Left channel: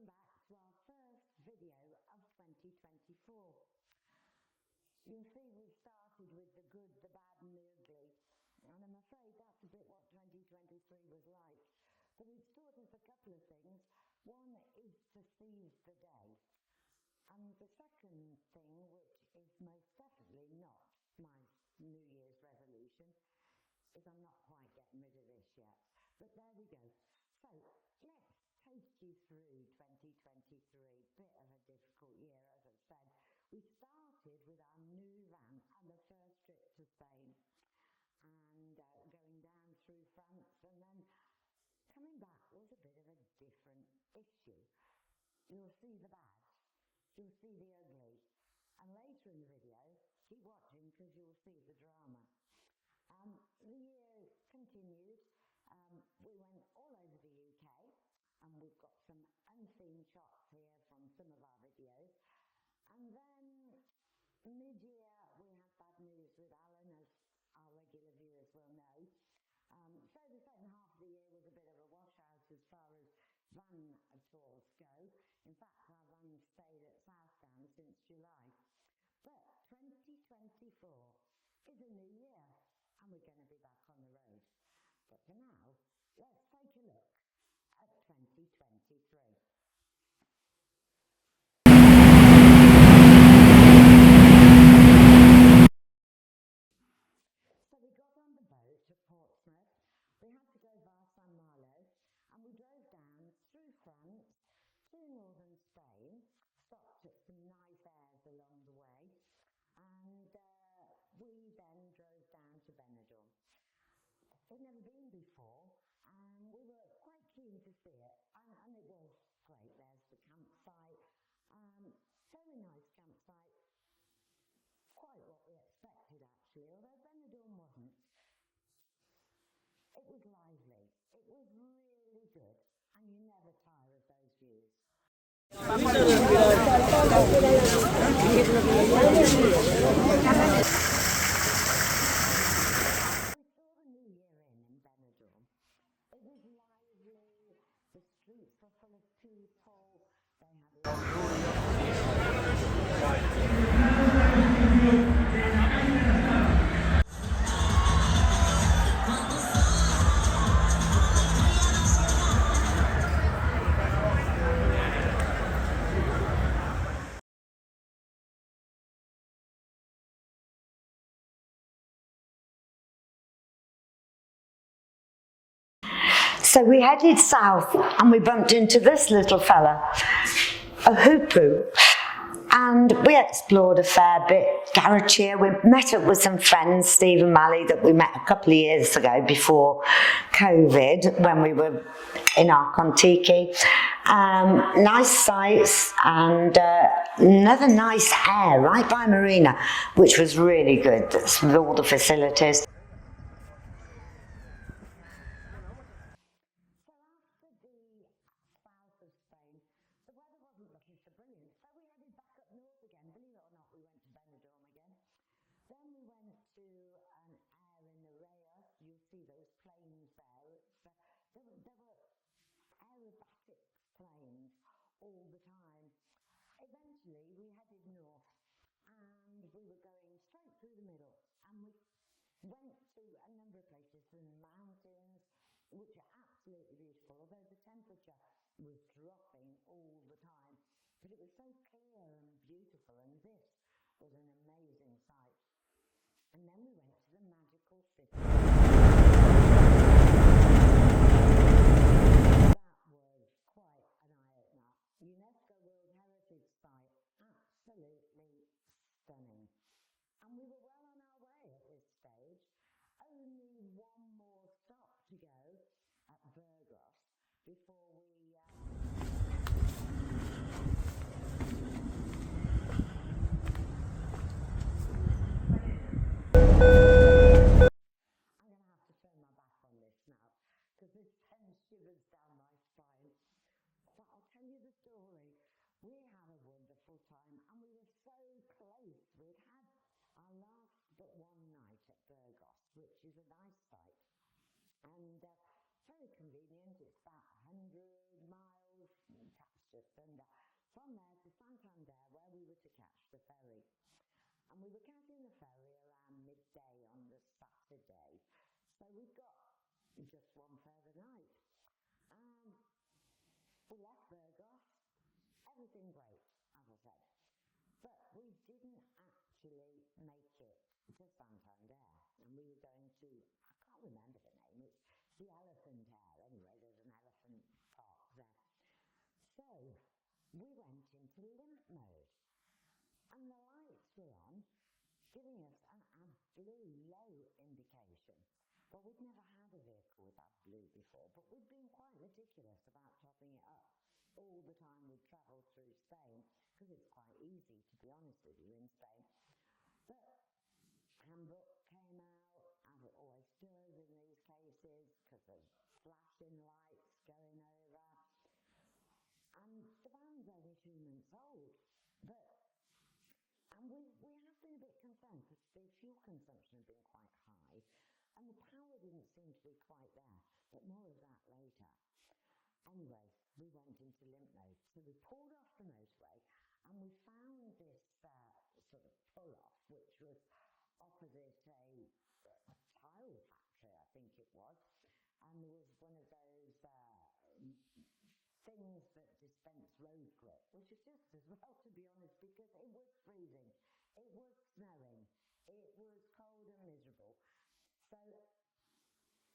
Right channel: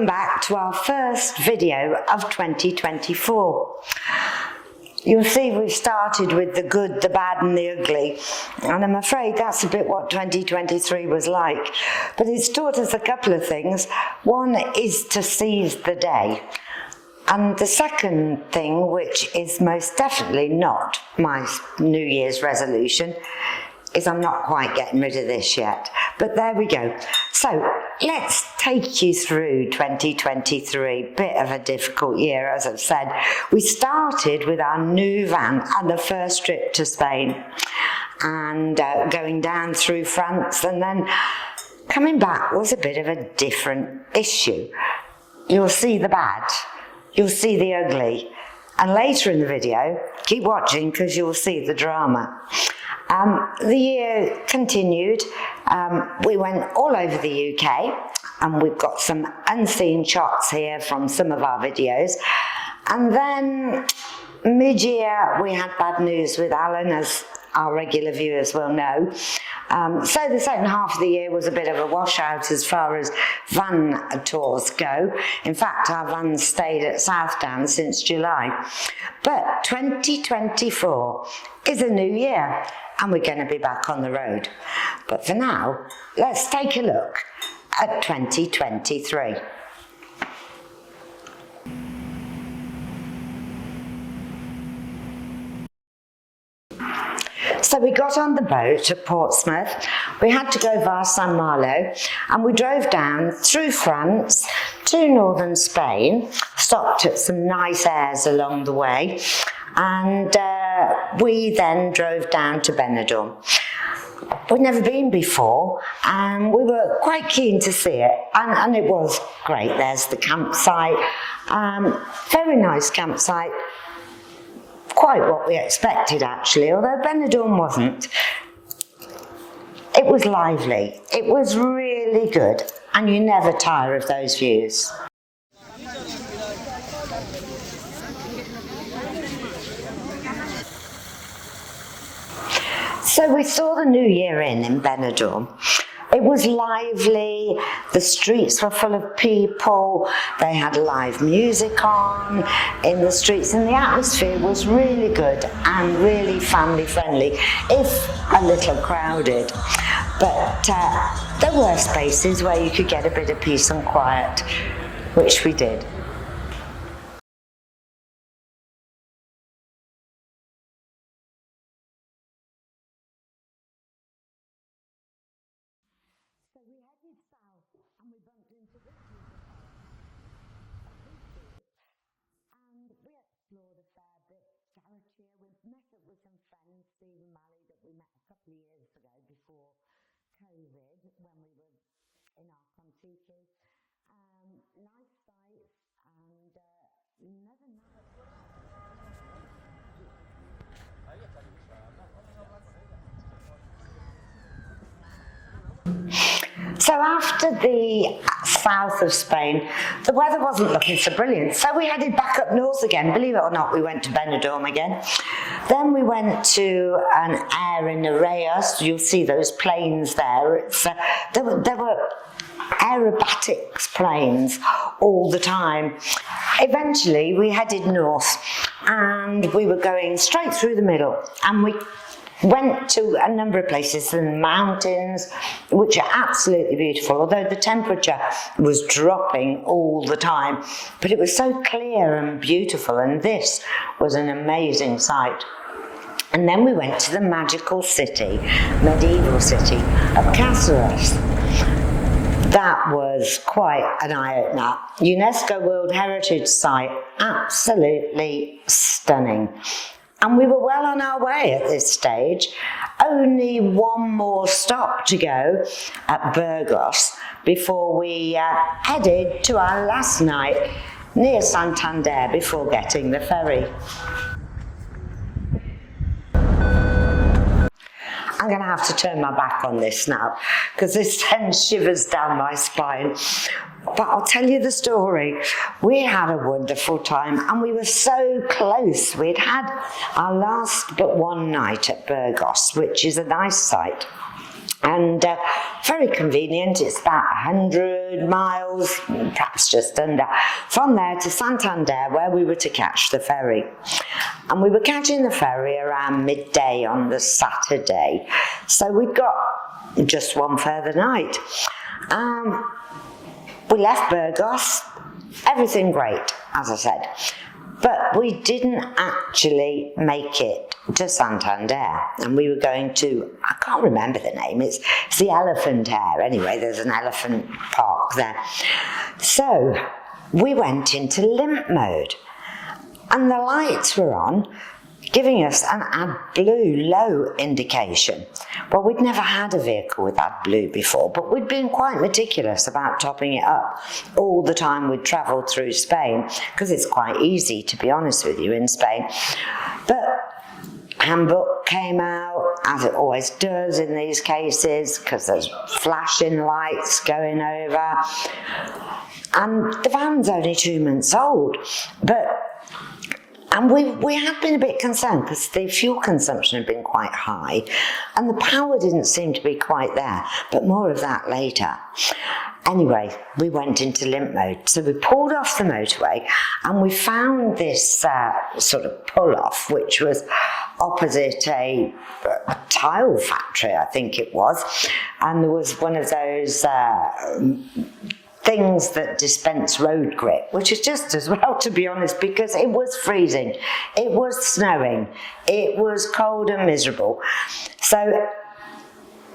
Welcome back to our first video of 2024. You'll see we've started with the good, the bad and the ugly, and I'm afraid that's a bit what 2023 was like. But it's taught us a couple of things. One is to seize the day. And the second thing, which is most definitely not my New Year's resolution, is I'm not quite getting rid of this yet. But there we go. So let's take you through 2023. Bit of a difficult year, as I've said. We started with our new van and the first trip to Spain, and going down through France, and then coming back was a bit of a different issue. You'll see the bad, you'll see the ugly, and later in the video, keep watching because you'll see the drama. The year continued. We went all over the UK, and we've got some unseen shots here from some of our videos. And then mid-year, we had bad news with Alan, as our regular viewers will know. So the second half of the year was a bit of a washout as far as van tours go. In fact, our van stayed at Southdown since July. But 2024 is a new year, and we're going to be back on the road. But for now, let's take a look at 2023. So we got on the boat at Portsmouth. We had to go via San Malo, and we drove down through France to northern Spain, stopped at some nice airs along the way, and we then drove down to Benidorm. We'd never been before, and we were quite keen to see it, and it was great. There's the campsite, very nice campsite, quite what we expected actually, although Benidorm wasn't. It was lively, it was really good, and you never tire of those views. So we saw the new year in Benidorm. It was lively, the streets were full of people, they had live music on in the streets, and the atmosphere was really good and really family friendly, if a little crowded. But there were spaces where you could get a bit of peace and quiet, which we did. So we headed south, and we bumped into this little fella, a hoopoo, and we explored a fair bit. Garrettier, we met up with some friends, Steve and Mally, that we met a couple of years ago before COVID, when we were in our Contiki. Nice sights, and another nice air right by Marina, which was really good. That's with all the facilities. So after the south of Spain, the weather wasn't looking so brilliant, so we headed back up north again. Believe it or not, we went to Benidorm again. Then we went to an air in Nereus. You'll see those planes there. It's, there were aerobatics planes all the time. Eventually, we headed north, and we were going straight through the middle, and we went to a number of places in the mountains, which are absolutely beautiful, although the temperature was dropping all the time. But it was so clear and beautiful, and this was an amazing sight. And then we went to the magical city, medieval city of Carthago. That was quite an eye-opener. UNESCO World Heritage Site, absolutely stunning. And we were well on our way at this stage. Only one more stop to go at Burgos before we headed to our last night near Santander before getting the ferry. I'm going to have to turn my back on this now because this sends shivers down my spine. But I'll tell you the story. We had a wonderful time, and we were so close. We'd had our last but one night at Burgos, which is a nice site. And very convenient. It's about 100 miles, perhaps just under, from there to Santander, where we were to catch the ferry. And we were catching the ferry around midday on the Saturday, so we'd got just one further night. We left Burgos, everything great, as I said, but we didn't actually make it to Santander, and we were going to, I can't remember the name, it's the Elephant Hair, anyway, there's an elephant park there. So we went into limp mode, and the lights were on, giving us an AdBlue low indication. Well, we'd never had a vehicle with AdBlue before, but we'd been quite meticulous about topping it up all the time we'd travelled through Spain, because it's quite easy, to be honest with you, in Spain. But handbook came out, as it always does in these cases, because there's flashing lights going over. And the van's only 2 months old, and we had been a bit concerned because the fuel consumption had been quite high and the power didn't seem to be quite there, but more of that later. Anyway, we went into limp mode. So we pulled off the motorway and we found this sort of pull-off, which was opposite a tile factory, I think it was. And there was one of those things that dispense road grip, which is just as well, to be honest, because it was freezing, it was snowing, it was cold and miserable. So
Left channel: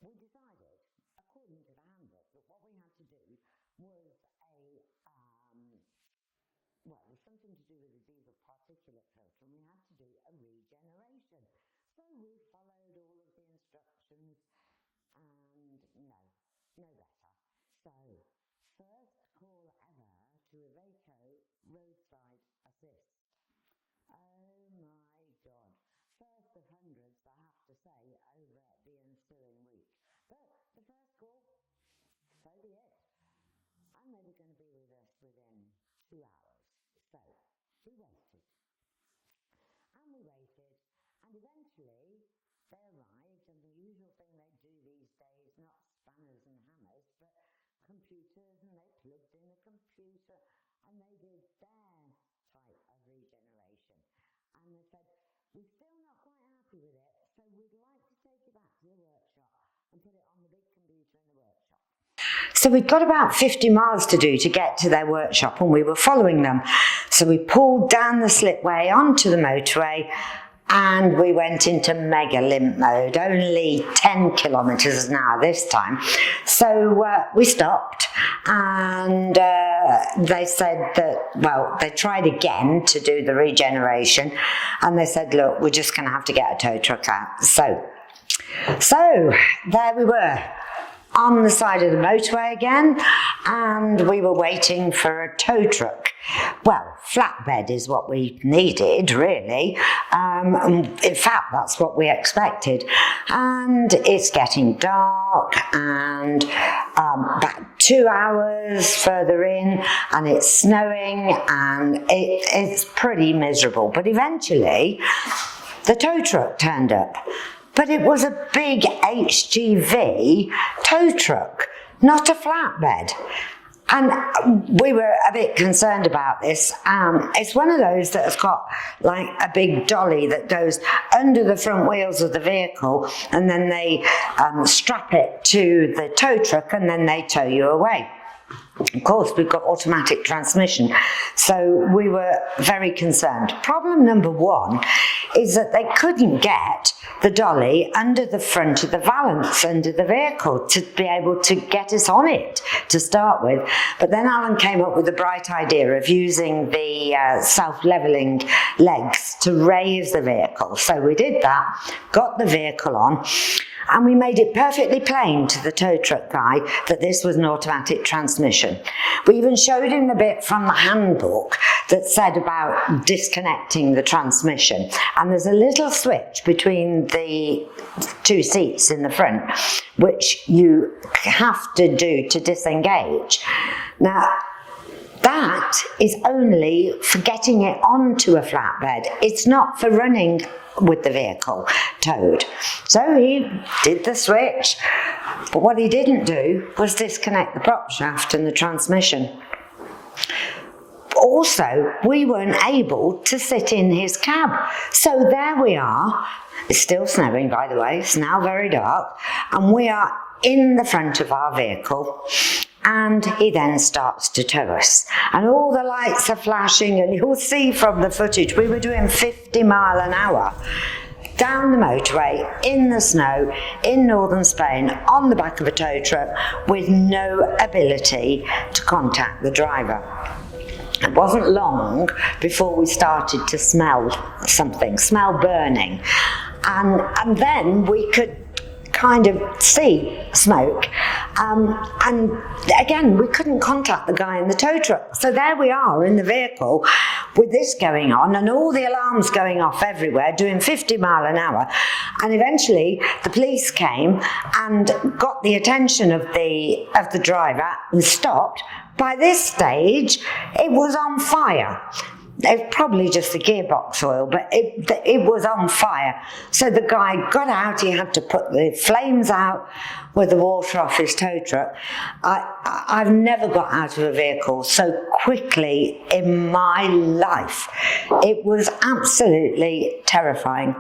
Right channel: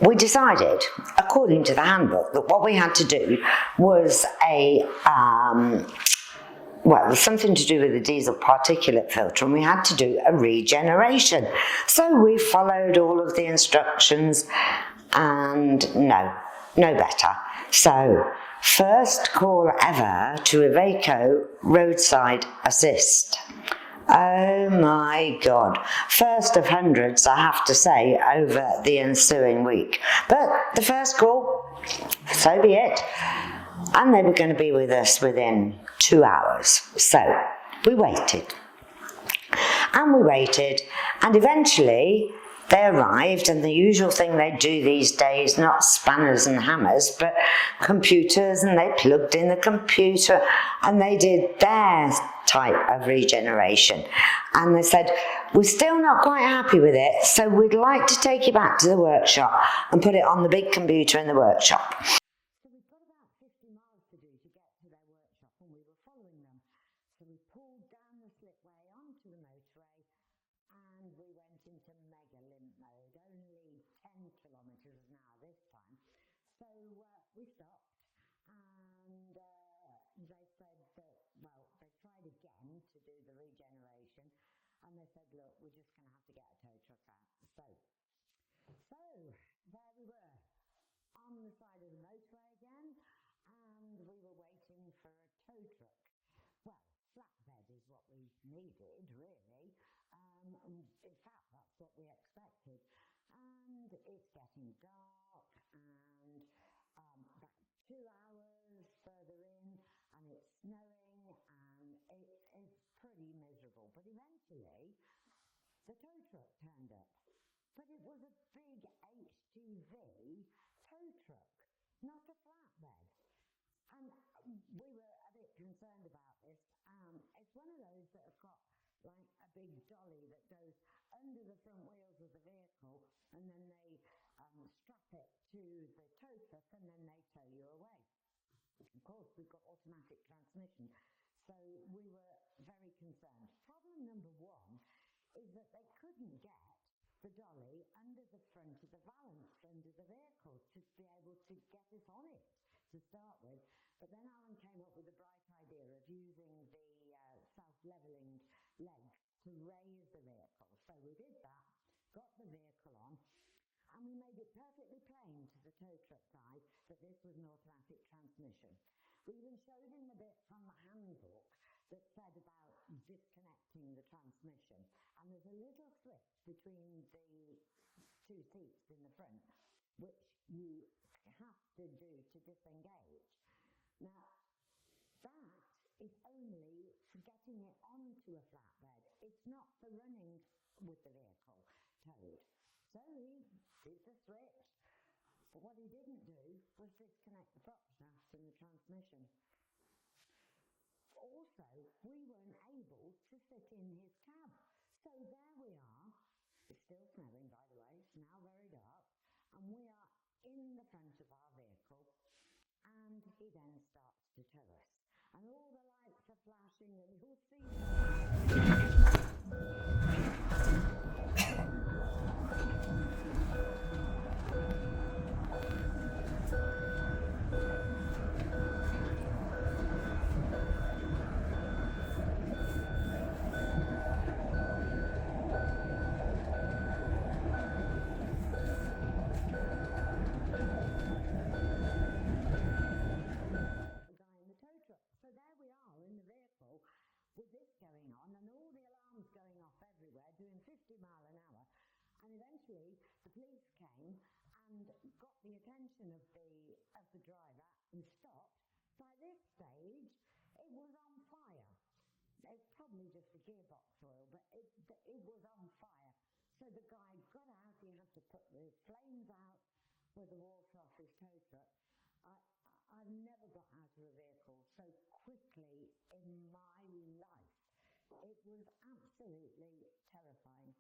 we decided, according to the handbook, that what we had to do was it was something to do with the diesel particulate filter, and we had to do a regeneration. So we followed all of the instructions, and no better. So first call ever to Iveco roadside assist. Oh my God. First of hundreds, I have to say, over the ensuing week. But the first call, so be it. And they were going to be with us within 2 hours. So we waited. And we waited, and eventually they arrived, and the usual thing they do these days, not spanners and hammers, but computers, and they plugged in the computer and they did their type of regeneration. And they said, we're still not quite happy with it, so we'd like to take you back to the workshop and put it on the big computer in the workshop. So we'd got about 50 miles to do to get to their workshop, and we were following them. So we pulled down the slipway onto the motorway, and we went into mega limp mode, only 10 kilometres an hour this time. So we stopped, and they said that, well, they tried again to do the regeneration, and they said, look, we're just going to have to get a tow truck out. So there we were, on the side of the motorway again, and we were waiting for a tow truck. Well, flatbed is what we needed, really. In fact, that's what we expected. And it's getting dark, and about 2 hours further in, and it's snowing, and it's pretty miserable. But eventually, the tow truck turned up. But it was a big HGV tow truck, not a flatbed. And we were a bit concerned about this. It's one of those that has got like a big dolly that goes under the front wheels of the vehicle, and then they strap it to the tow truck, and then they tow you away. Of course, we've got automatic transmission, so we were very concerned. Problem number one is that they couldn't get the dolly under the front of the valance under the vehicle to be able to get us on it to start with. But then Alan came up with the bright idea of using the self-levelling legs to raise the vehicle. So we did that, got the vehicle on, and we made it perfectly plain to the tow truck guy that this was an automatic transmission. We even showed him the bit from the handbook that said about disconnecting the transmission. And there's a little switch between the two seats in the front, which you have to do to disengage. Now, that is only for getting it onto a flatbed. It's not for running with the vehicle towed. So he did the switch, but what he didn't do was disconnect the prop shaft and the transmission. Also, we weren't able to sit in his cab. So there we are. It's still snowing, by the way. It's now very dark. And we are in the front of our vehicle. And he then starts to tow us. And all the lights are flashing, and you'll see from the footage, we were doing 50 mile an hour down the motorway, in the snow, in northern Spain, on the back of a tow truck, with no ability to contact the driver. It wasn't long before we started to smell something, smell burning. And then we could kind of see smoke. And again, we couldn't contact the guy in the tow truck. So there we are in the vehicle with this going on and all the alarms going off everywhere, doing 50 mile an hour. And eventually the police came and got the attention of the driver and stopped. By this stage, it was on fire. It was probably just the gearbox oil, but it was on fire. So the guy got out, he had to put the flames out with the water off his tow truck. I've never got out of a vehicle so quickly in my life. It was absolutely terrifying.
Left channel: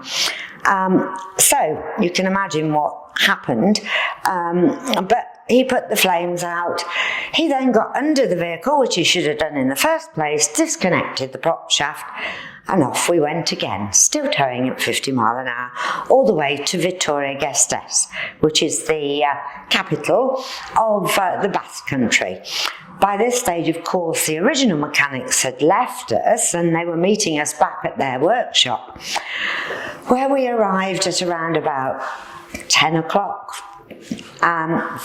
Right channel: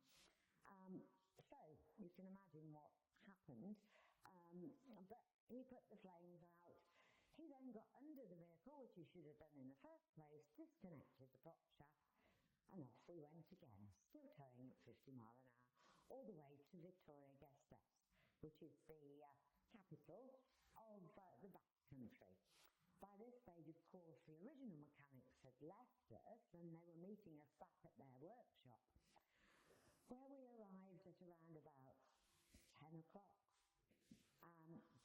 So you can imagine what happened, but he put the flames out. He then got under the vehicle, which he should have done in the first place, disconnected the prop shaft, and off we went again, still towing at 50 mile an hour, all the way to Vittoria, which is the capital of the Basque Country. By this stage, of course, the original mechanics had left us and they were meeting us back at their workshop, where we arrived at around about 10 o'clock.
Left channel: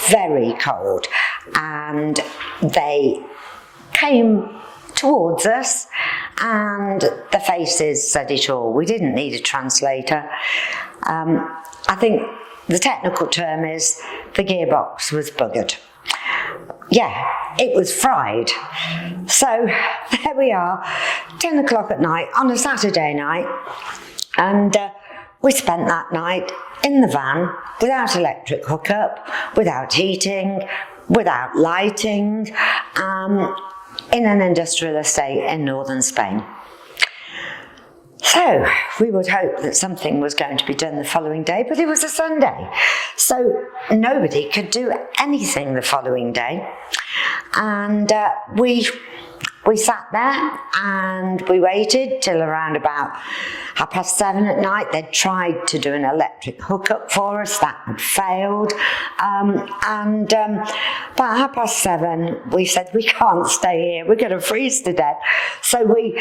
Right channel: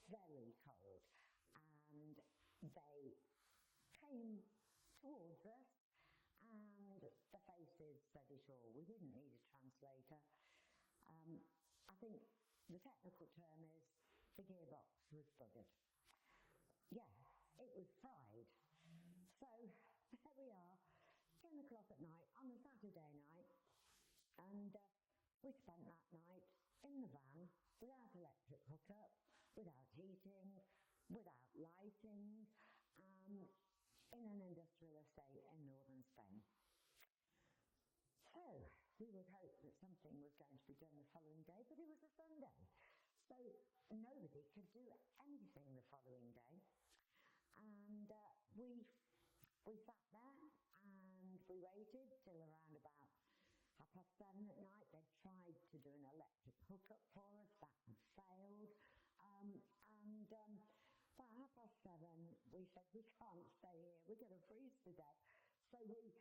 Very cold, and they came towards us and the faces said it all. We didn't need a translator. I think the technical term is the gearbox was buggered. Yeah, it was fried. So there we are, 10 o'clock at night on a Saturday night, and we spent that night in the van, without electric hookup, without heating, without lighting, in an industrial estate in northern Spain. So we would hope that something was going to be done the following day, but it was a Sunday. So nobody could do anything the following day. And we sat there and we waited till around about 7:30 at night. They'd tried to do an electric hookup for us, that had failed. About 7:30 we said, we can't stay here, we're going to freeze to death. So we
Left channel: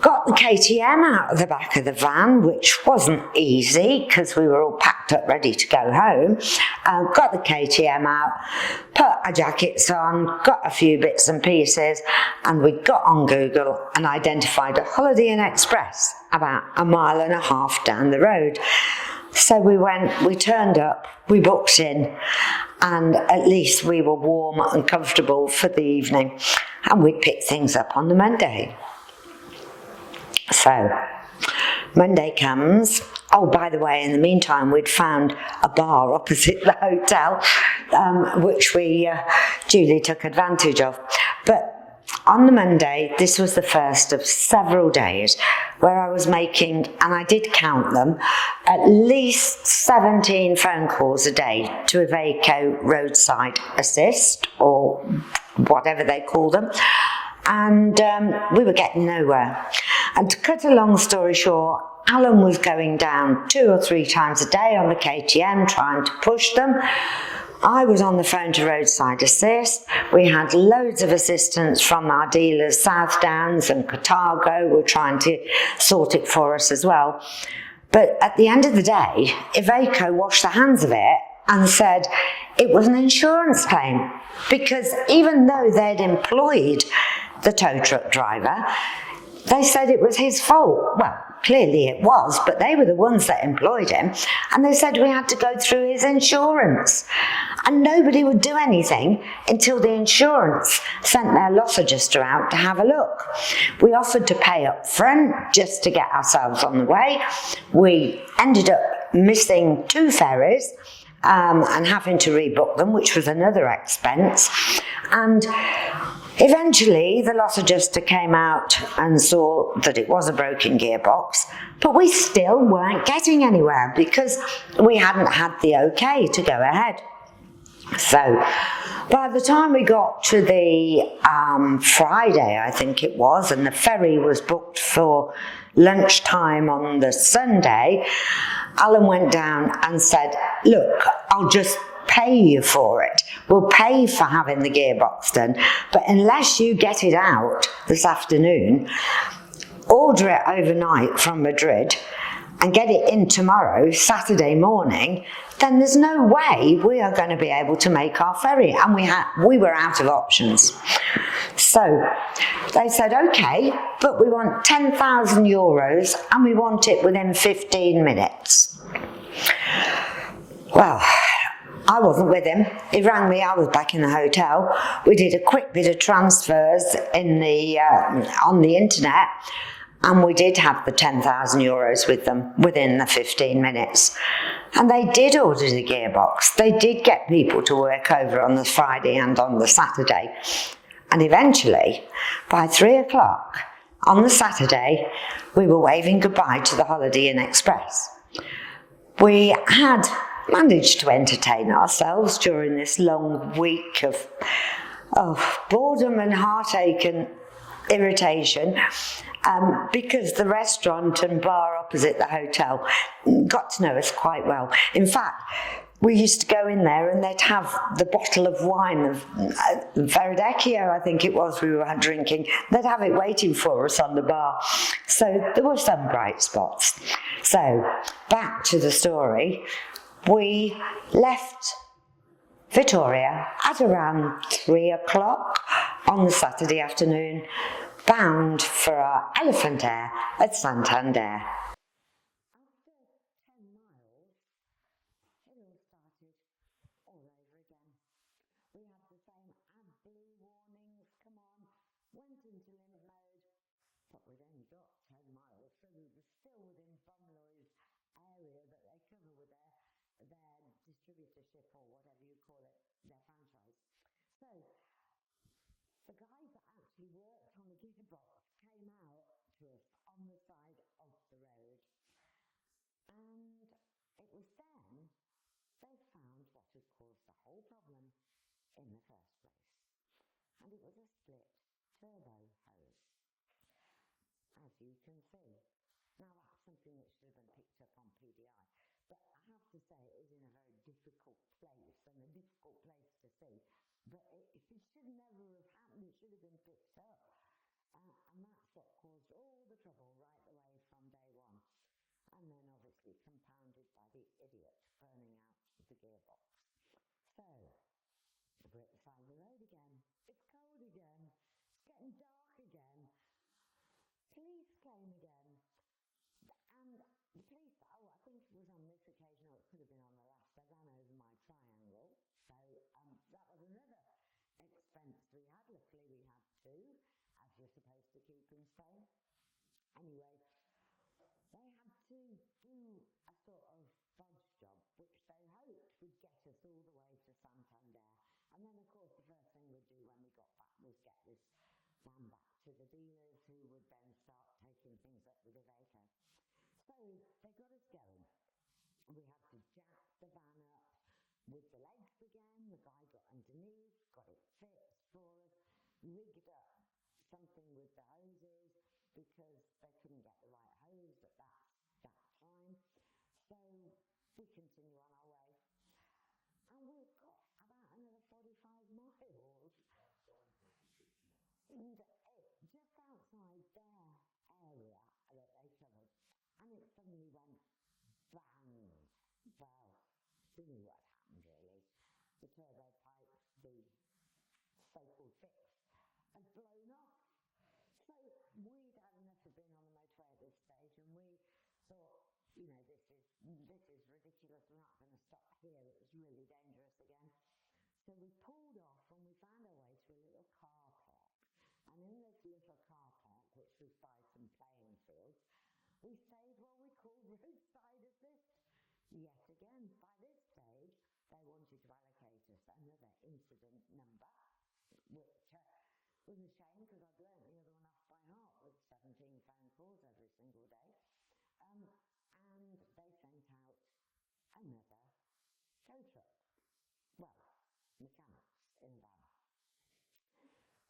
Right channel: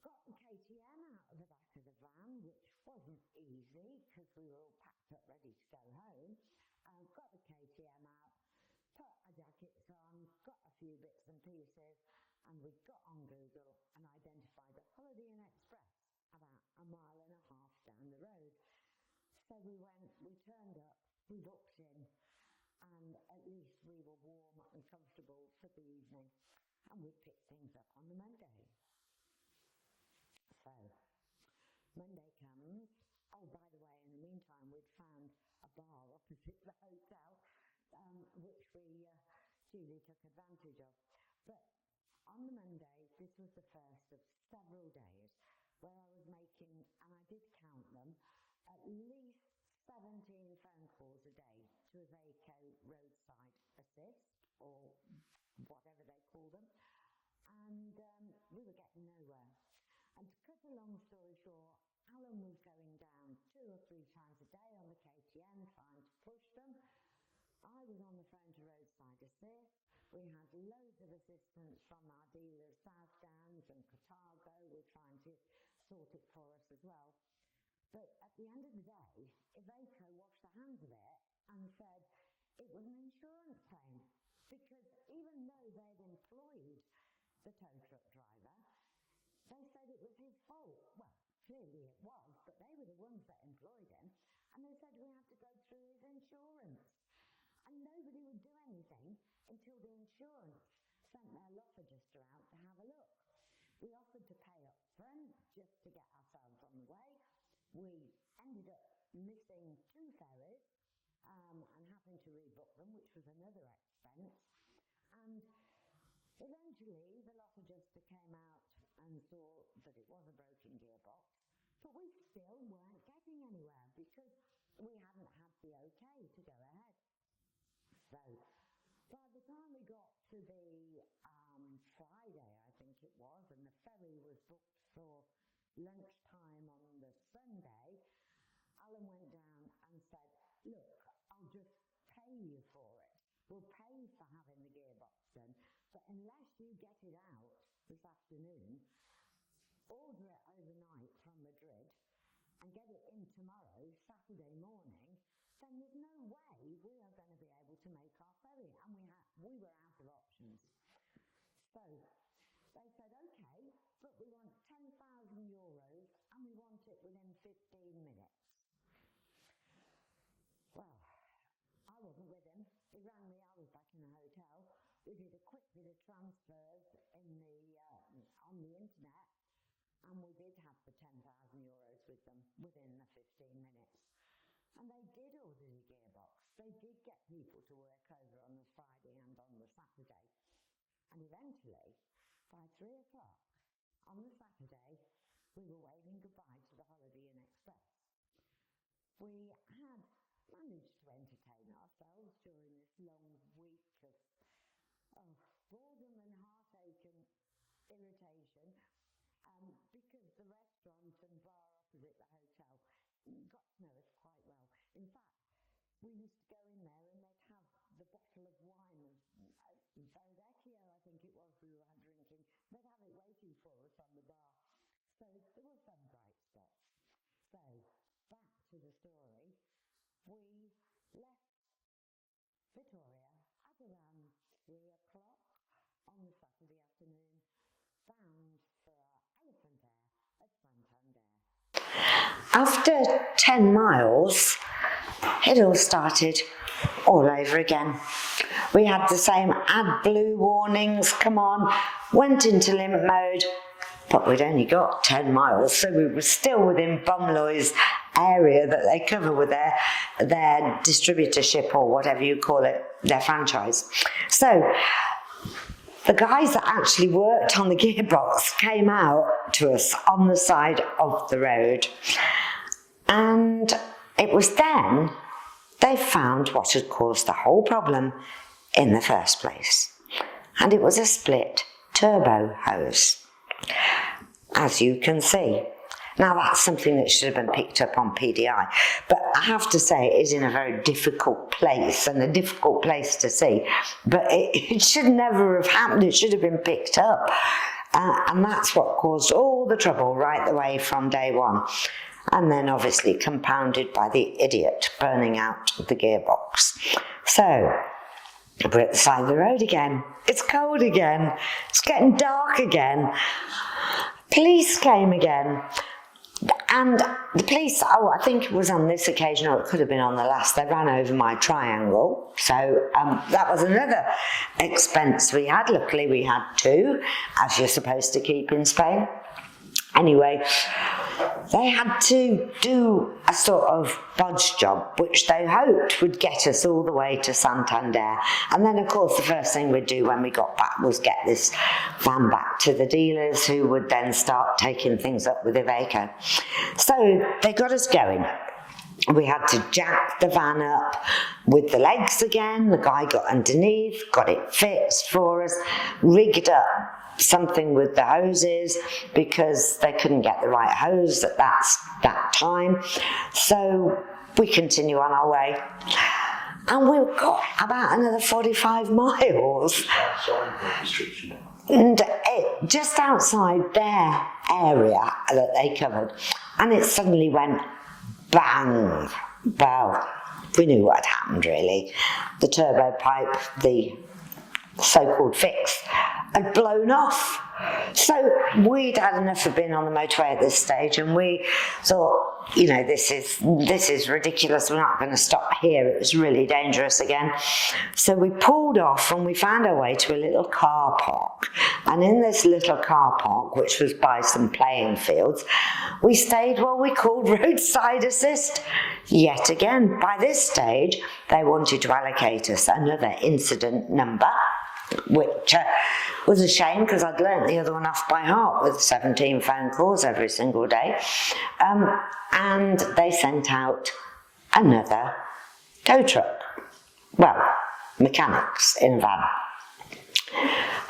got the KTM out of the back of the van, which wasn't easy because we were all packed up ready to go home. Got the KTM out, put our jackets on, got a few bits and pieces, and we got on Google and identified a Holiday Inn Express about 1.5 miles down the road. So we went, we turned up, we booked in, and at least we were warm and comfortable for the evening, and we picked things up on the Monday. So, Monday comes. Oh, by the way, in the meantime, we'd found a bar opposite the hotel, which we duly took advantage of. But on the Monday, this was the first of several days where I was making, and I did count them, at least 17 phone calls a day to Iveco Roadside Assist, or whatever they call them. And we were getting nowhere. And to cut a long story short, Alan was going down 2 or 3 times a day on the KTM trying to push them. I was on the phone to Roadside Assist. We had loads of assistance from our dealers, South Downs and Carthago, were trying to sort it for us as well. But at the end of the day, Iveco washed their hands of it and said it was an insurance claim, because even though they'd employed the tow truck driver, they said it was his fault. Well, clearly it was, but they were the ones that employed him, and they said we had to go through his insurance. And nobody would do anything until the insurance sent their loss adjuster out to have a look. We offered to pay up front just to get ourselves on the way. We ended up missing 2 ferries and having to rebook them, which was another expense. And eventually the loss adjuster came out and saw that it was a broken gearbox, but we still weren't getting anywhere because we hadn't had the okay to go ahead. So by the time we got to the Friday, I think it was, and the ferry was booked for lunchtime on the Sunday, Alan went down and said, look, I'll just pay you for it. We'll pay for having the gearbox done, but unless you get it out this afternoon, order it overnight from Madrid and get it in tomorrow, Saturday morning, then there's no way we are going to be able to make our ferry. And we were out of options. So they said, okay, but we want 10,000 euros and we want it within 15 minutes. Well, I wasn't with him. He rang me, I was back in the hotel. We did a quick bit of transfers on the internet, and we did have the 10,000 euros with them within the 15 minutes. And they did order the gearbox. They did get people to work over on the Friday and on the Saturday. And eventually, by 3 o'clock on the Saturday, we were waving goodbye to the Holiday Inn Express. We had managed to entertain ourselves during this long week of boredom and heartache and irritation, because the restaurant and bar opposite the hotel got to know us quite well. In fact, we used to go in there and they'd have the bottle of wine of Verdecchio, I think it was, we were drinking. They'd have it waiting for us on the bar. So there were some bright spots. So back to the story. We left Vittoria at around 3 o'clock on the Saturday afternoon, bound for our Elephant Air at Santander. After 10 miles, it all started all over again. We had the same AdBlue warnings, come on, went into limp mode, but we'd only got 10 miles, so we were still within Bumloy's area that they cover with their distributorship, or whatever you call it, their franchise. So the guys that actually worked on the gearbox came out to us on the side of the road, and it was then they found what had caused the whole problem in the first place, and it was a split turbo hose, as you can see. Now that's something that should have been picked up on PDI, but I have to say it is in a very difficult place, and a difficult place to see, but it should never have happened. It should have been picked up, and that's what caused all the trouble right the way from day one, and then obviously compounded by the idiot burning out the gearbox. So we're at the side of the road again. It's cold again. It's getting dark again. Police came again. And the police, I think it was on this occasion, or it could have been on the last, they ran over my triangle. So that was another expense we had. Luckily we had 2, as you're supposed to keep in Spain. Anyway, they had to do a sort of bodge job, which they hoped would get us all the way to Santander. And then, of course, the first thing we'd do when we got back was get this van back to the dealers, who would then start taking things up with Iveco. So they got us going. We had to jack the van up with the legs again. The guy got underneath, got it fixed for us, rigged up something with the hoses because they couldn't get the right hose at that time. So we continue on our way, and we've got about another 45 miles, and just outside their area that they covered, and it suddenly went bang. Well, we knew what had happened really. The turbo pipe, the so-called fix, had blown off. So we'd had enough of being on the motorway at this stage, and we thought, you know, this is ridiculous, we're not going to stop here, it was really dangerous again. So we pulled off and we found our way to a little car park, and in this little car park, which was by some playing fields, we stayed while we called roadside assist. Yet again, by this stage, they wanted to allocate us another incident number, which was a shame because I'd learnt the other one off by heart with 17 phone calls every single day. And they sent out another tow truck. Well, mechanics in a van,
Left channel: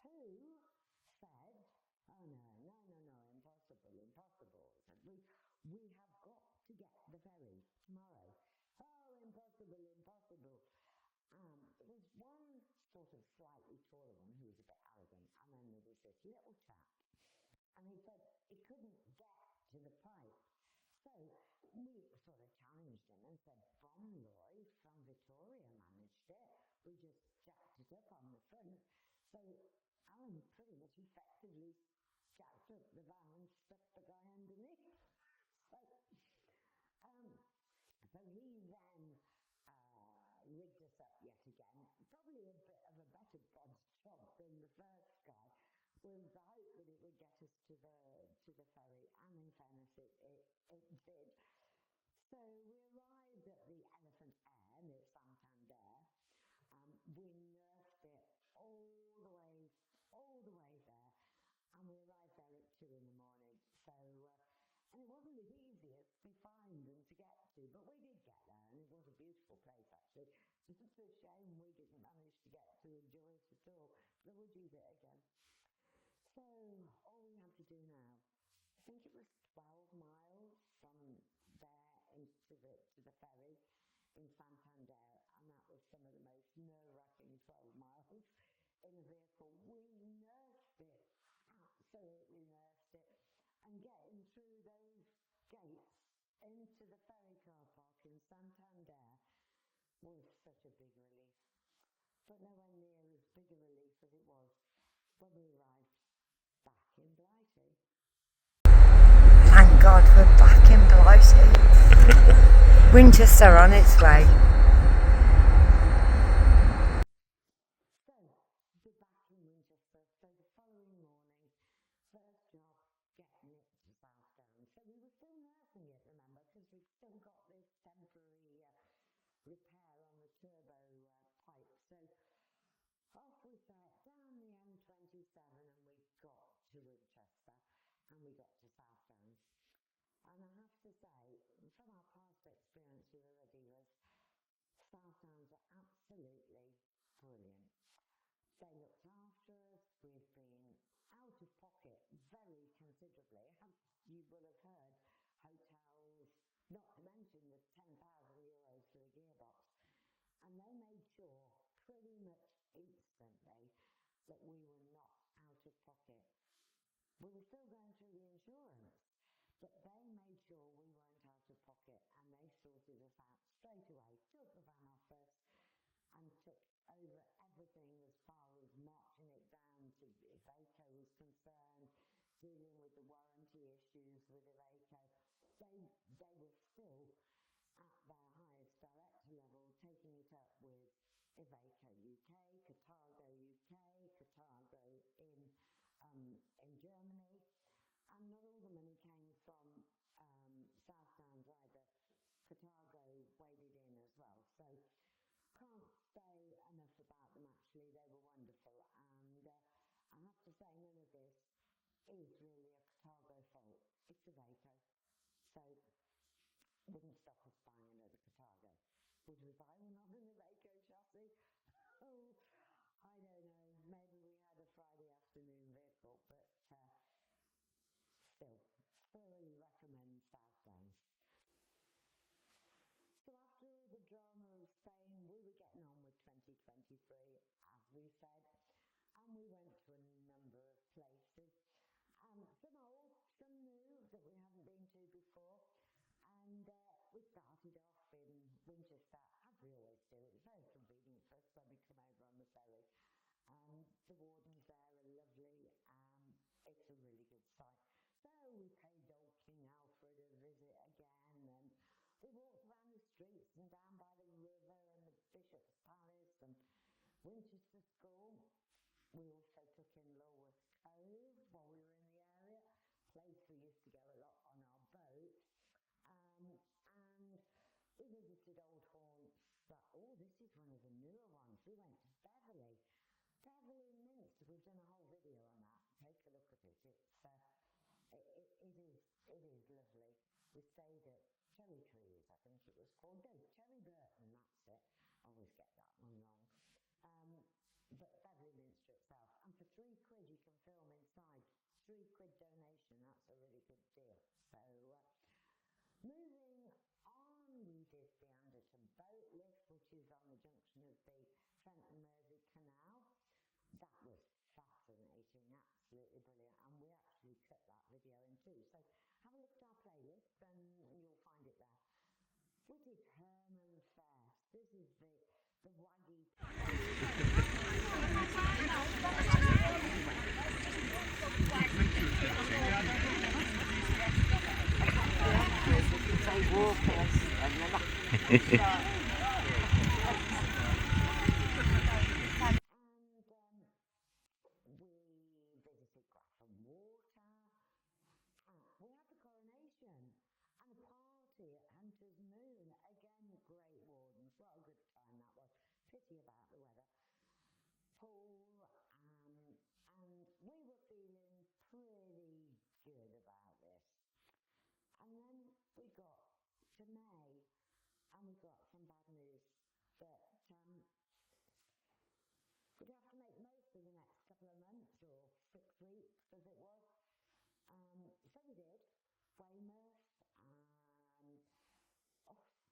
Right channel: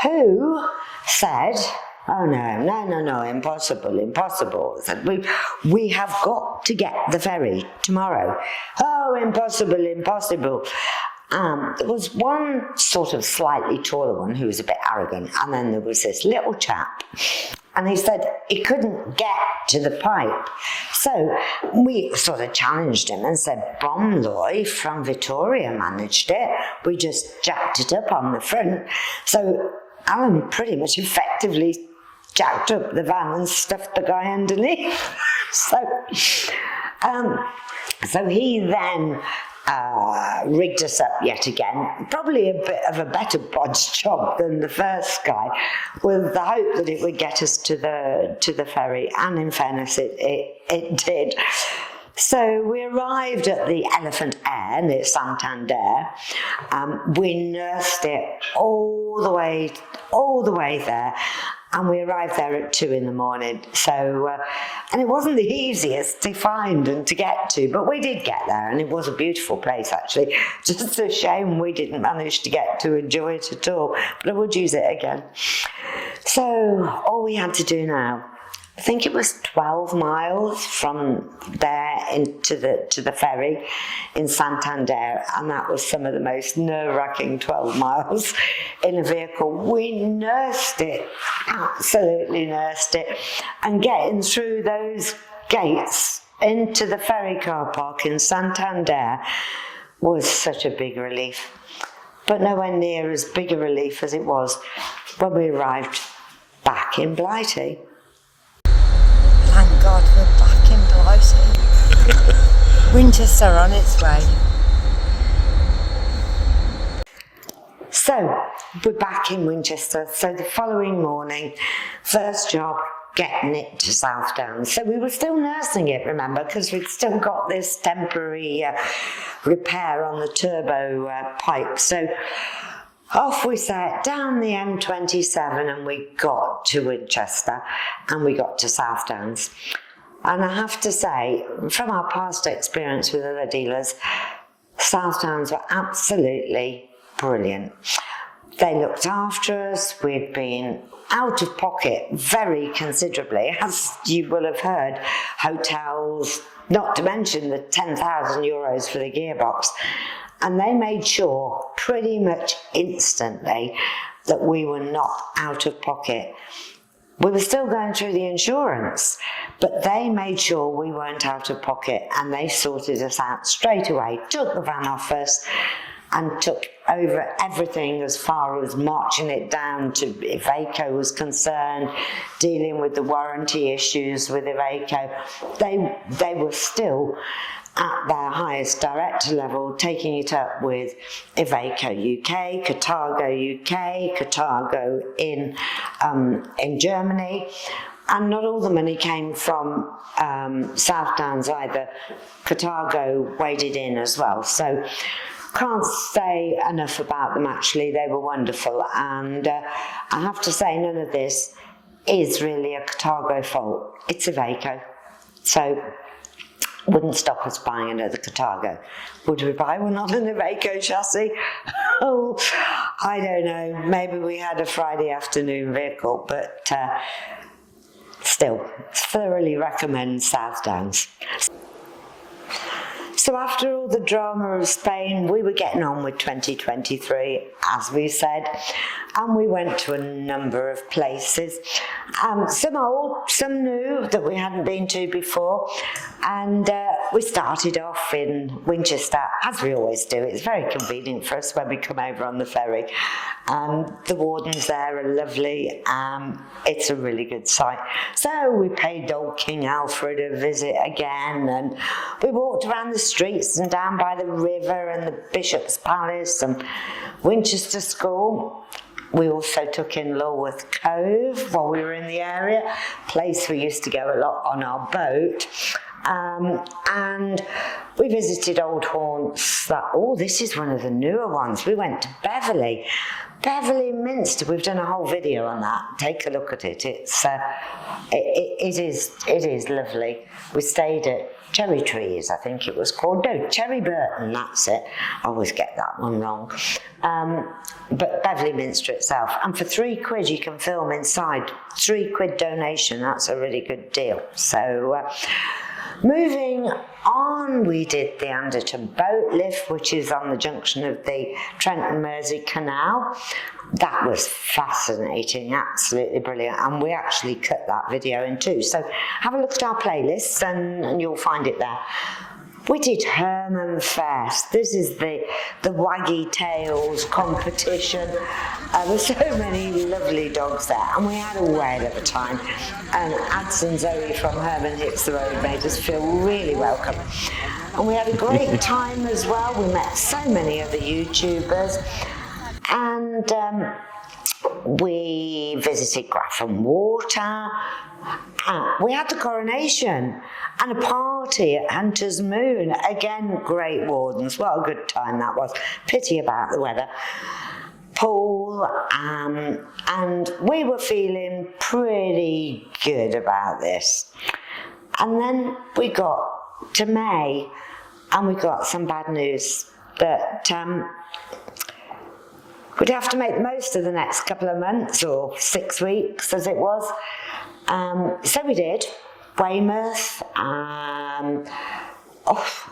who said, oh no, impossible. Said, we have got to get the ferry tomorrow. Oh, impossible. There was one sort of slightly taller one who was a bit arrogant, and then there was this little chap, and he said he couldn't get to the pipe. So we sort of challenged him and said, Bromley from Vittoria managed it. We just jacked it up on the front. So Alan pretty much effectively jacked up the van and stuffed the guy underneath. So he then rigged us up yet again, probably a bit of a better bodge job than the first guy, with the hope that it would get us to the ferry, and in fairness it did. So we arrived at the Elephant Air near Santander. We nursed it all the way there, and we arrived there at 2 in the morning. So, and it wasn't the easiest to find and to get to, but we did get there, and it was a beautiful place actually. Just a shame we didn't manage to get to enjoy it at all, but I would use it again. So all we had to do now, I think it was 12 miles from there into the ferry in Santander, and that was some of the most nerve-wracking 12 miles in a vehicle. We nursed it, absolutely nursed it, and getting through those gates into the ferry car park in Santander was such a big relief, but nowhere near as big a relief as it was when we arrived back in Blighty. Thank God we're back in Blighty. Winchester on its way. So, we're back in Winchester. So the following morning, first job, getting it to South Downs. So we were still nursing it, remember, because we'd still got this temporary repair on the turbo pipe. So off we set down the M27, and we got to Winchester, and we got to South Downs. And I have to say, from our past experience with other dealers, South Downs were absolutely brilliant. They looked after us. We'd been out of pocket very considerably, as you will have heard, hotels, not to mention the 10,000 euros for the gearbox. And they made sure pretty much instantly that we were not out of pocket. We were still going through the insurance, but they made sure we weren't out of pocket, and they sorted us out straight away, took the van off us, and took over everything as far as marching it down to Iveco was concerned, dealing with the warranty issues with Iveco. They were still at their highest director level, taking it up with Iveco UK, Carthago UK, Carthago in Germany, and not all the money came from South Downs either. Carthago waded in as well, so can't say enough about them actually. They were wonderful, and I have to say none of this is really a Carthago fault. It's Iveco, so wouldn't stop us buying another Carthago. Would we buy one on an Iveco chassis? Oh, I don't know. Maybe we had a Friday afternoon vehicle, but still, thoroughly recommend South Downs. So after all the drama of Spain, we were getting on with 2023, as we said, and we went to a number of places, some old, some new that we hadn't been to before, and we started off in Winchester, as we always do. It's very convenient for us when we come over on the ferry. The wardens there are lovely. It's a really good site. So we paid old King Alfred a visit again, and we walked around the streets and down by the river and the Bishop's Palace and Winchester School. We also took in Lulworth Cove while we were in the area, place we used to go a lot on our boat. And we visited old haunts that, oh, this is one of the newer ones. We went to Beverley Minster. We've done a whole video on that. Take a look at it. It is lovely. We stayed at Cherry Trees, I think it was called. No, Cherry Burton, that's it. I always get that one wrong. But Beverley Minster itself. And for £3 you can film inside. £3 donation, that's a really good deal. So, moving on, we did the Anderton boat lift, which is on the junction of the Trent and Mersey Canal. That was fascinating, absolutely brilliant, and we actually cut that video in two. So have a look at our playlists and you'll find it there. We did Hermanfest. This is the waggy tails competition. There's so many lovely dogs there, and we had a whale at the time. And Ads and Zoe from Herman Hits the Road made us feel really welcome. And we had a great time as well. We met so many of the YouTubers. And we visited Grafham Water. We had the coronation and a party at Hunter's Moon. Again, great wardens. What a good time that was. Pity about the weather. Poole, and we were feeling pretty good about this. And then we got to May, and we got some bad news that we'd have to make the most of the next couple of months, or 6 weeks as it was. So we did. Weymouth,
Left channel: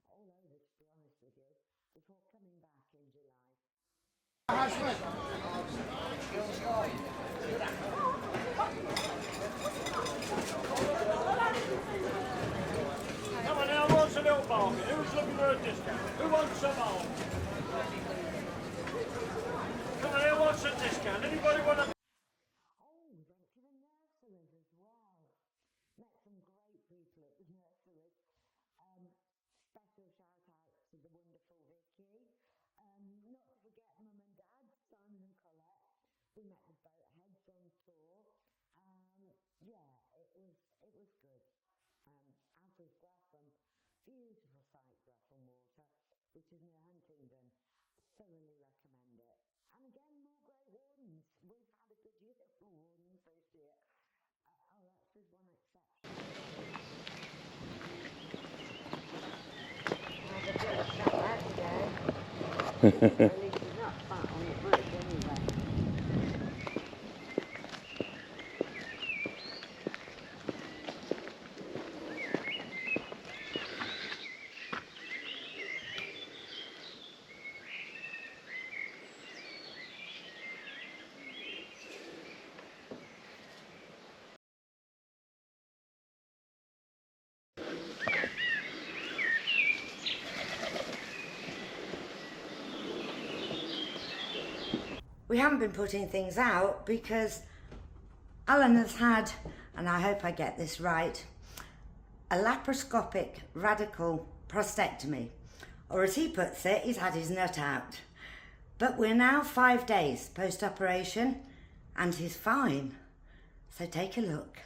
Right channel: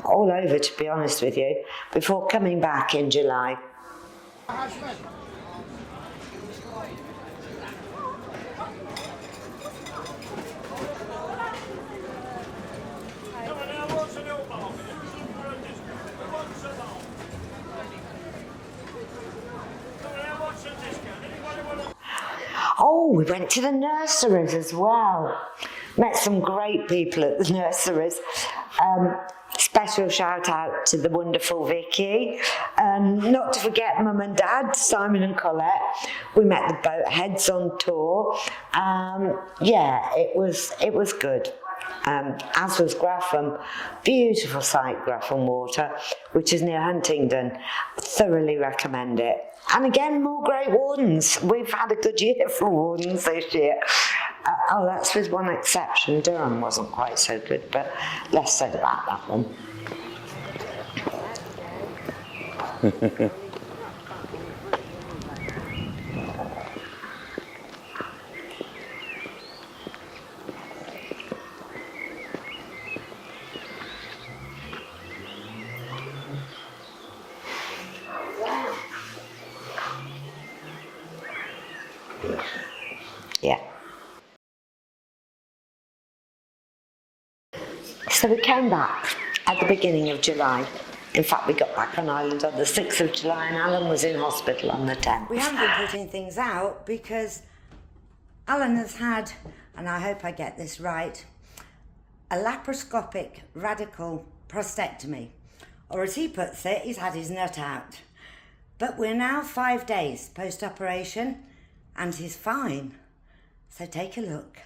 all over, to be honest with you, before coming back in July. Oh, we went to the nurseries as well. Met some great people at the nurseries. Special shout out to the wonderful Vicky. Not to forget Mum and Dad, Simon and Colette. We met the boat heads on tour. Yeah, it was good. As was Grafham. Beautiful site, Grafham Water, which is near Huntingdon. Thoroughly recommend it. And again, more great wardens. We've had a good year for wardens this year. That's with one exception. Durham wasn't quite so good, but less said about that one. Yeah. So we came back at the beginning of July. In fact, we got back on island on the 6th of July, and Alan was in hospital on the 10th. We haven't been putting things out because Alan has had, and I hope I get this right, a laparoscopic radical prostatectomy. Or as he puts it, he's had his nut out. But we're now 5 days post-operation, and he's fine. So take a look.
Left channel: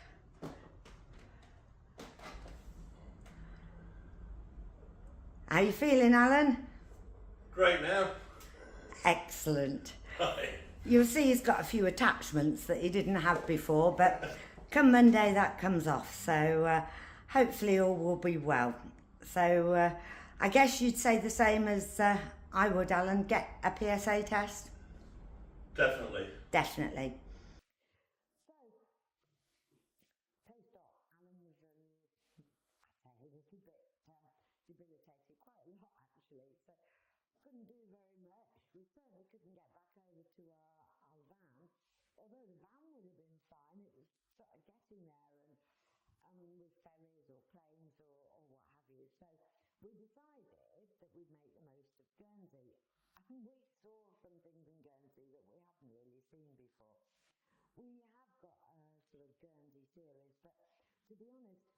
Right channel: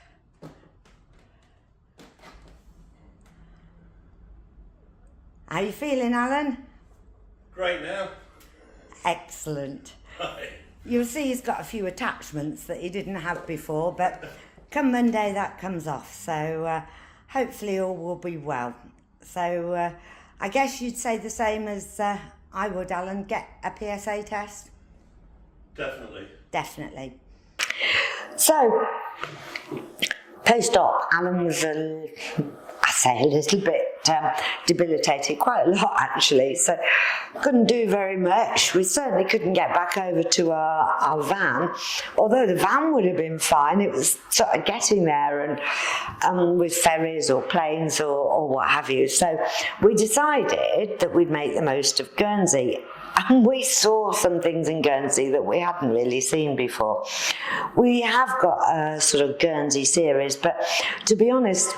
How you feeling, Alan? Great now. Excellent. Hi. You'll see he's got a few attachments that he didn't have before, but come Monday that comes off, so hopefully all will be well. So I guess you'd say the same as I would, Alan, get a PSA test? Definitely. Definitely. So, post-op, Alan was a little bit debilitated, quite a lot actually, so couldn't do very much. We certainly couldn't get back over to our van, although the van would have been fine. It was sort of getting there and with ferries or planes or what have you. So we decided that we'd make the most of Guernsey. And we saw some things in Guernsey that we hadn't really seen before. We have got a sort of Guernsey series, but to be honest,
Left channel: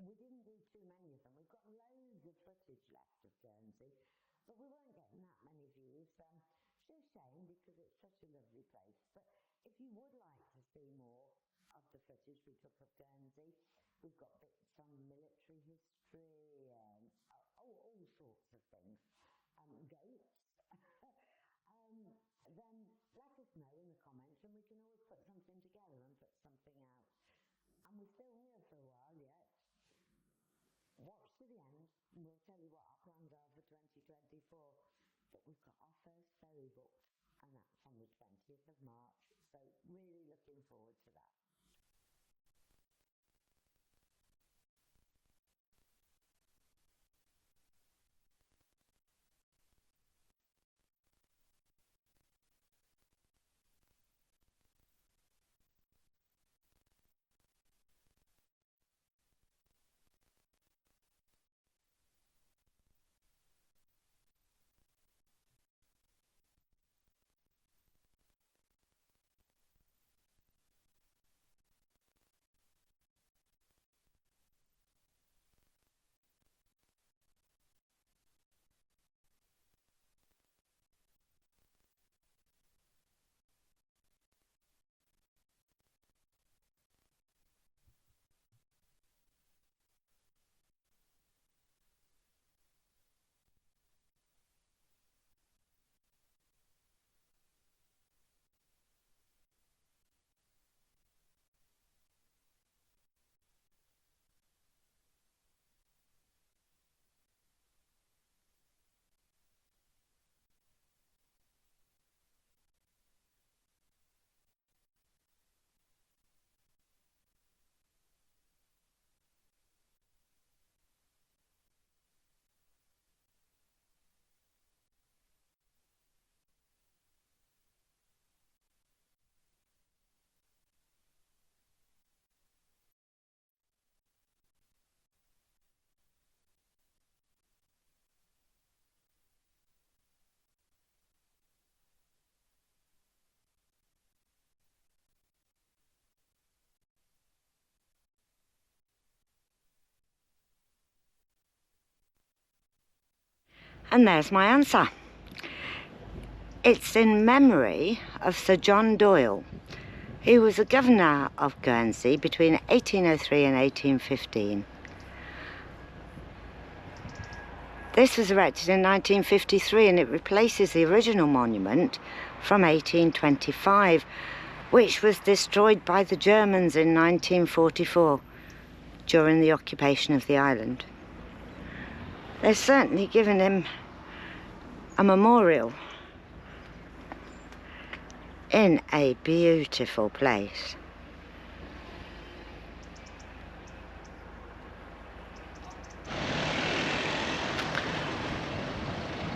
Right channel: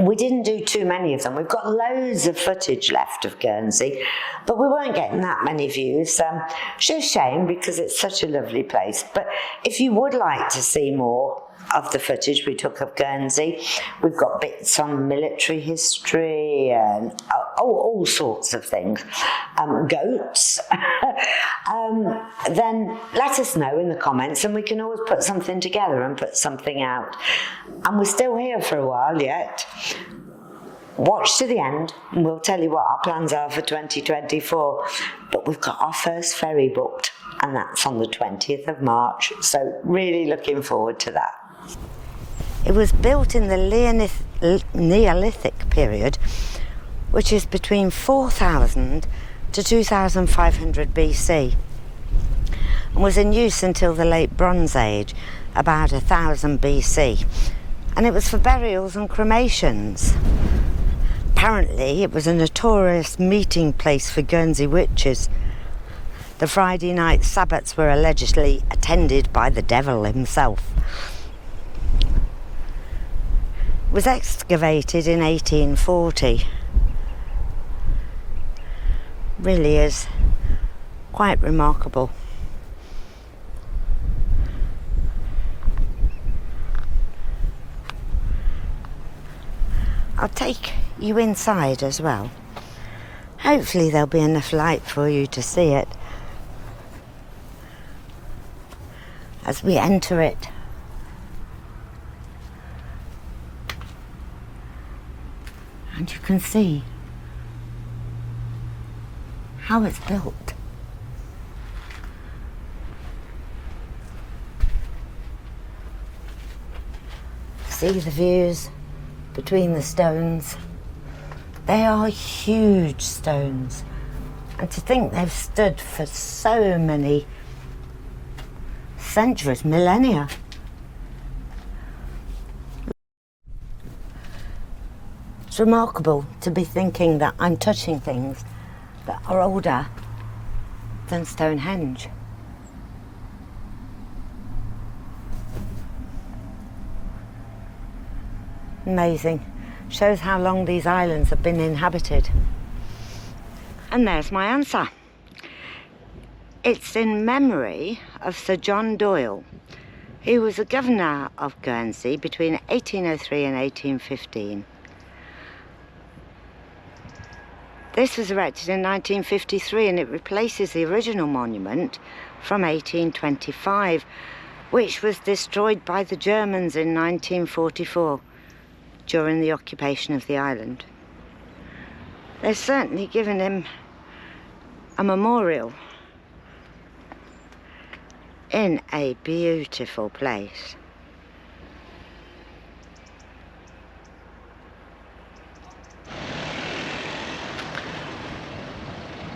we didn't do too many of them. We've got loads of footage left of Guernsey, but we weren't getting that many views. It's a shame because it's such a lovely place. But if you would like to see more of the footage we took of Guernsey, we've got bits on military history and all sorts of things, goats, then let us know in the comments and we can always put something together and put something out. And we're still here for a while yet. Watch to the end and we'll tell you what our plans are for 2024. But we've got our first ferry booked and that's on the 20th of March, so really looking forward to that. It was built in the Neolithic period, which is between 4000 to 2500 BC, and was in use until the late Bronze Age, about 1000 BC, and it was for burials and cremations. Apparently it was a notorious meeting place for Guernsey witches. The Friday night sabbats were allegedly attended by the devil himself. It was excavated in 1840. Really is quite remarkable. I'll take you inside as well. Hopefully there'll be enough light for you to see it as we enter it. And you can see how it's built. See the views between the stones. They are huge stones. And to think they've stood for so many centuries, millennia. It's remarkable to be thinking that I'm touching things that are older than Stonehenge. Amazing. Shows how long these islands have been inhabited. And there's my answer. It's in memory of Sir John Doyle. He was a governor of Guernsey between 1803 and 1815. This was erected in 1953 and it replaces the original monument from 1825, which was destroyed by the Germans in 1944 during the occupation of the island. They've certainly given him a memorial in a beautiful place.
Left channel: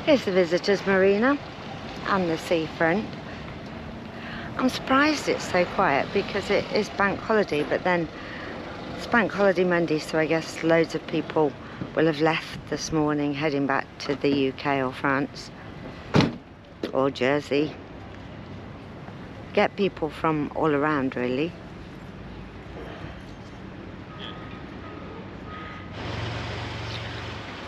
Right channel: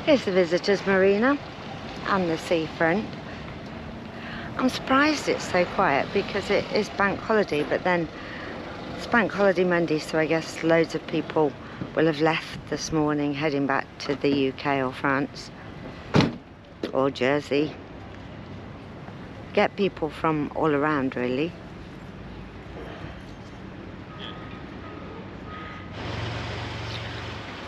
Here's the visitors' marina and the seafront. I'm surprised it's so quiet because it is bank holiday, but then it's bank holiday Monday, so I guess loads of people will have left this morning heading back to the UK or France or Jersey. Get people from all around really.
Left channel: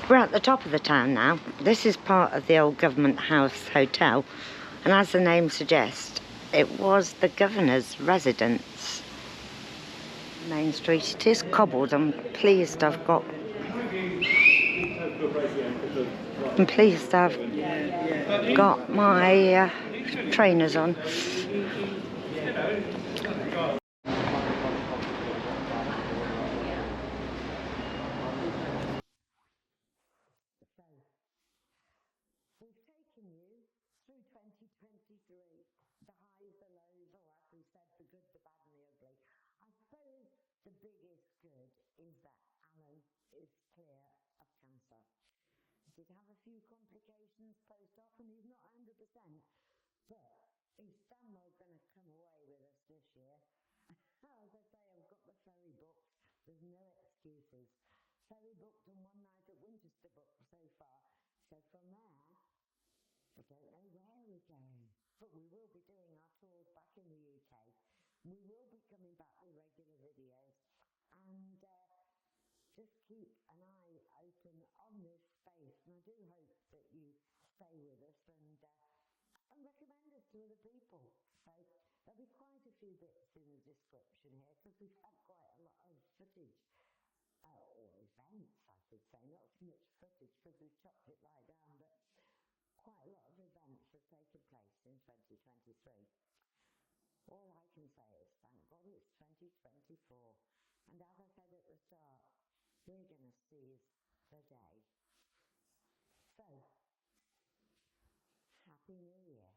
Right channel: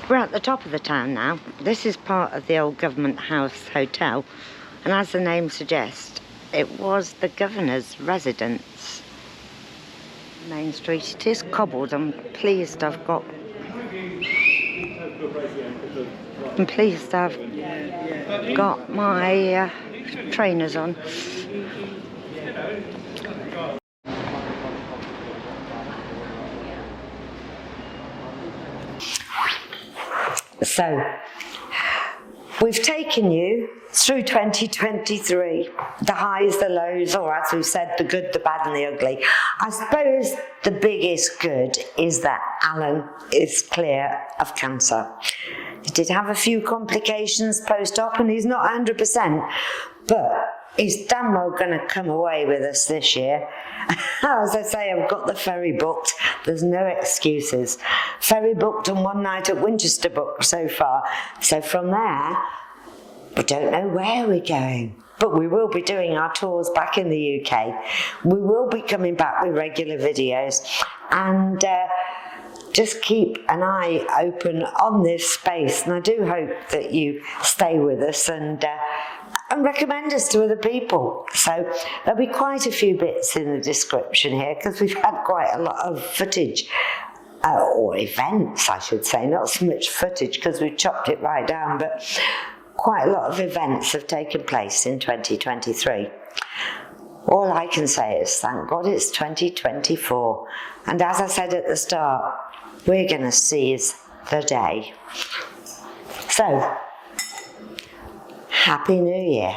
We're at the top of the town now. This is part of the old Government House Hotel, and as the name suggests, it was the governor's residence. Main Street, it is cobbled. I'm pleased I've got my trainers on. So, We've taken you through 2023, the highs, the lows, or as we've said, the good, the bad and the ugly. I suppose the biggest good is that Alan is clear of cancer. He did have a few complications post-op and he's not 100%, but he's damn well going to come away with us this year. As I say, I've got the ferry booked. There's no excuses. Ferry booked and one night at Winchester booked so far. So from there, we don't know where we're going. But we will be doing our tours back in the UK. We will be coming back with regular videos. And just keep an eye open on this space. And I do hope that you stay with us and recommend us to other people. So there'll be quite a few bits in the description here because we've had quite a lot of footage, or events I should say, not so much footage because we've chopped it right down, but quite a lot of events have taken place in 2023. All I can say is thank God it's 2024, and as I said at the start, we're going to seize the day. So, Happy New Year.